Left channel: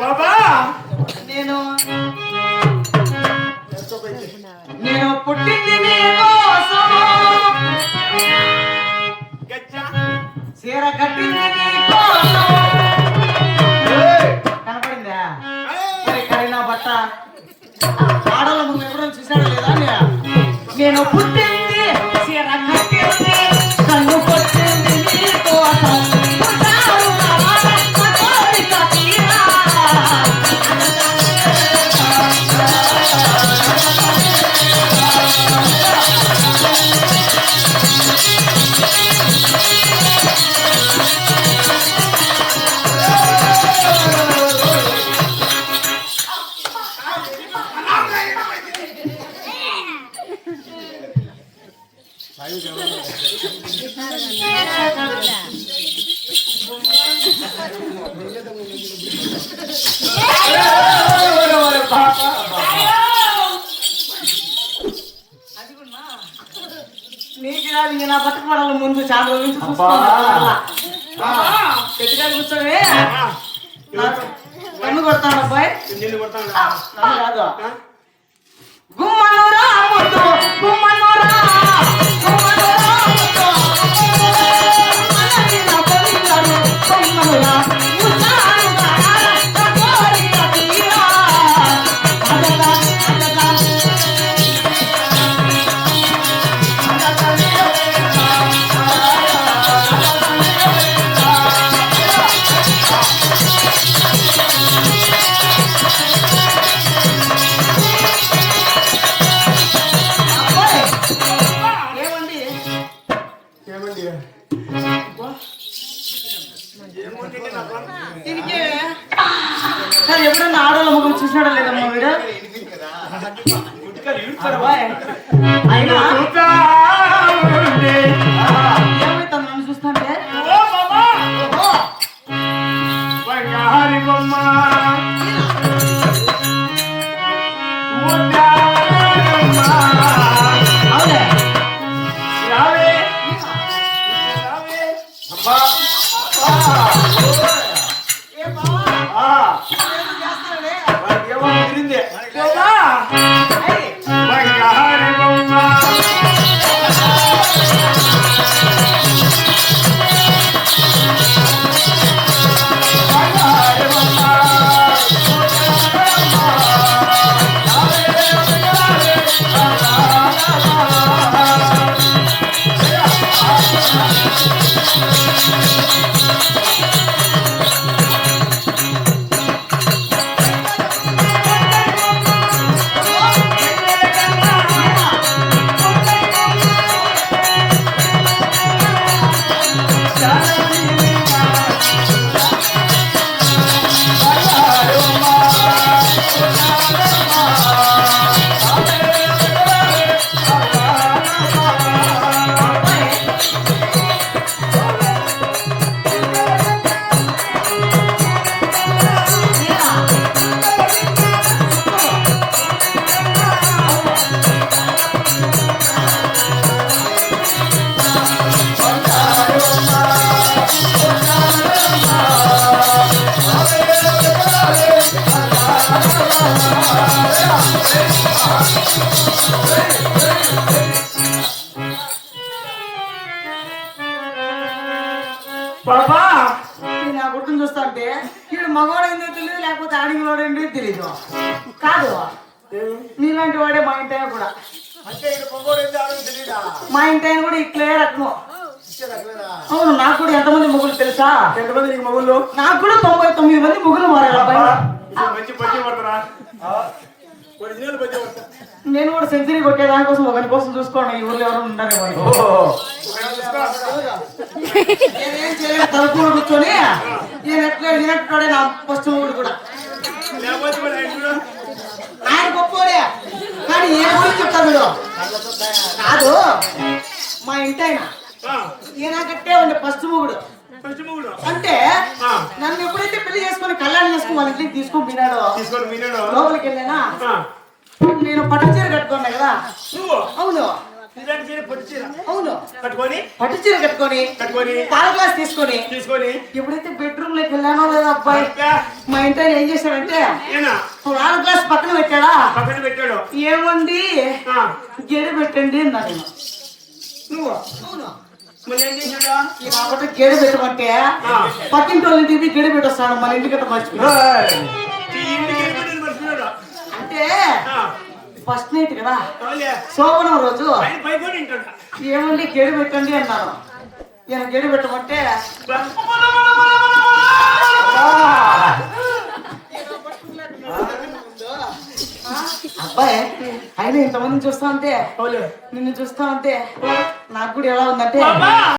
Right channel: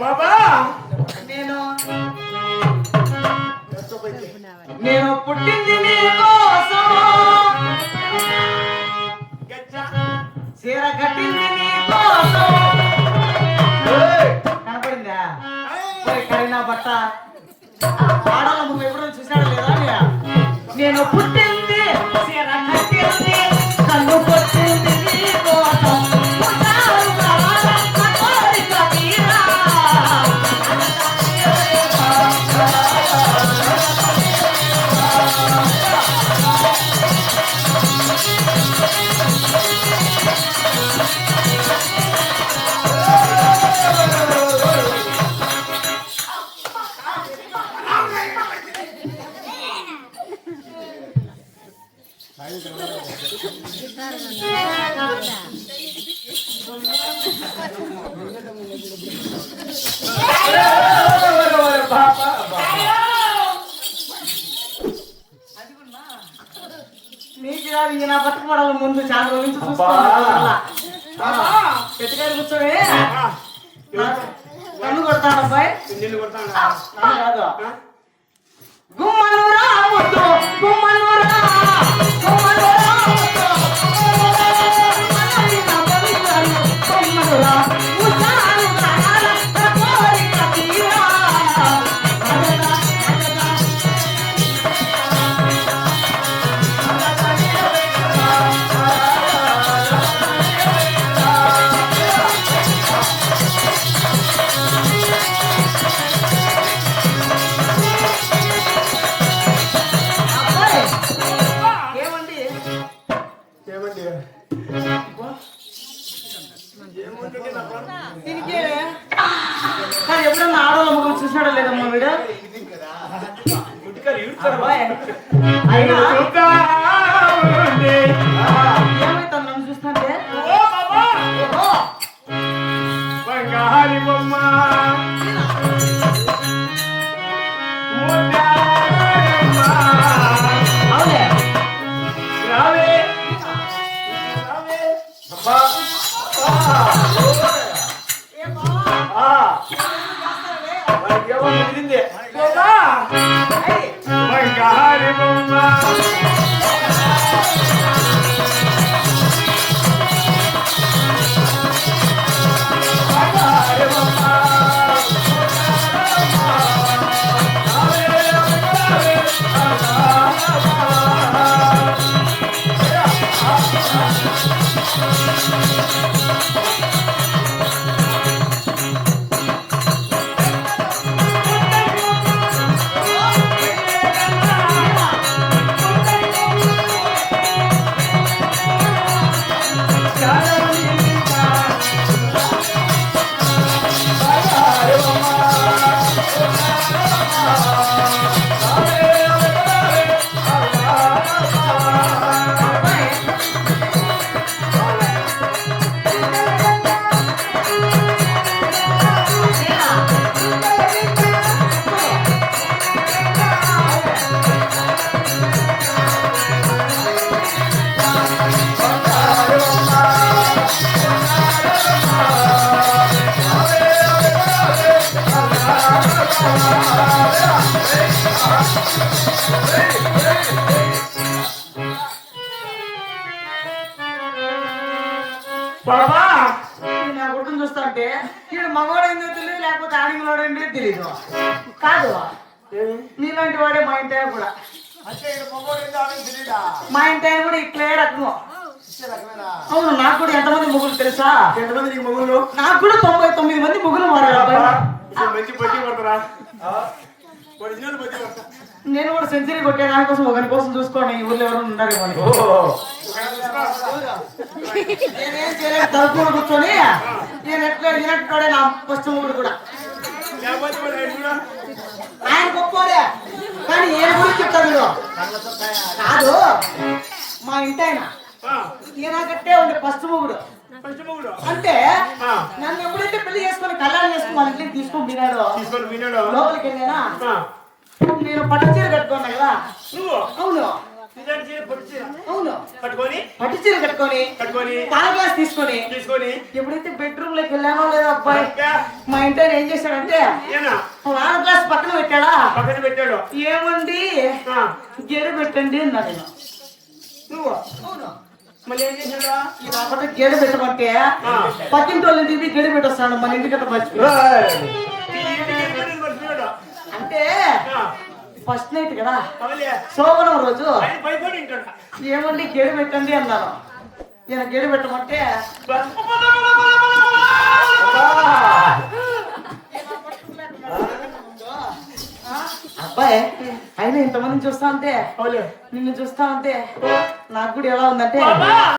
బాబా నేను పుట్టింది నీకోసము, చీర కట్టింది నీకోసం. కనపడిందా కరీనా బట్ట ఆడలో నువ్వు ఎప్పుడైనా చూసాడు లేదా? నేను పుట్టింది చీర కట్టింది కన్ను కొట్టింది నీకోసం. నీకు కాదు నా బతుకమడల ముందు చాలా ఎట్టుగా కూర్చోవే కన్ను కొడతాను అబ్బాయి. నిన్ను కొడతాను కాదు గుమ్మనురా ముద్దు గుమ్మనురా ఎప్పుడన్నా ఆడవాళ్ళ ముగ్గురు చూసినాడో లేదమ్మా మీరు? ఏమైతే నన్ను చూస్తుంటే బాబా నా గుర్తుని చూస్తా అంటే ఇక్కడ మగవాడైందో తెలియదు, లేకపోతే ఆడివాడైందో తెలియదు. కాదు నీలాంటి వాడే మా ఇంటి కూడా. మా ఇంటి కూడా ఇట్లే రకము. అవును, నాకు కూడా ఎంతమంది మొగులు తెలుసా? ఎంతమంది నీకు మొగుళ్ళు? నాకు కూడా 99 మంది మొగులు మారాలి. నేను కూడా సెంచరీ కొట్టేదానికోసం ఒకరి కోసం చూసుకోండి. ఈ ఊళ్ళో ఎవరు ఉన్నారు? నేనేం చేయలేదు, తలుపు కూర్చొని నేను ఎట్లా తినట్టుడే నా ఫస్ట్ కూడా. ఆయన గొప్పోడే, కానీ ఏ గురించి చెప్తారు మీరు? కాదు, మా ఇంటి ఆయన ఈయన కట్టే ఉండే ఫస్ట్ మొగుడు. అంటే నన్ను ఎప్పుడైతే పెళ్లి చేసుకుని కళ్యాణం చేసుకుని వాళ్ళ ఇంటికి తీసుకొని తినాడో లోపలికి వెళ్ళానా, నేను పట్టు చీర కట్టుకోండి కదా. అవును అవును, పట్టు చీర కట్టుకొని తాళ గ్లాస్ తీసుకొని ఎప్పుడైతే బెడ్రూమ్ లోకి వెళ్ళానో లేదా అబ్బాయి మా ఇంట్లో ఏం చేశాడంటే ఏనా వాన గ్లాస్ పక్కన పెట్టాడా పక్కన పెట్టాడు ఏమండి ఆ, గేడు పెట్టండి అన్నా నేను నువ్వు అవును మళ్ళీ ఏం చేశాడు ఈ రాబట్టి గేడు పెట్టమంటే పక్కింటి వాళ్ళని తిరిగి గేడు పెట్టేస్తాడు మన ఇంటికి మర్చిపోయా ఈ ఇంటికి వెళ్ళిపోయింది మర్చిపోయాడు అంటే ఆ, ఫస్ట్ నైట్ కదా అవునులే. సోమవారం రోజు ఆయన పైపోయి ఉంటాడు ఏమండి గేడు పెట్టండి అన్నారు ఈయన గేడు పెట్టమంటే అబ్బాయి అయినా ఇంతమందిని చూస్తా ఉంటే అవునులే. నిన్ను చూస్తా ఉంటే నాకు కూడా ఎలా ఉందంటే బాబా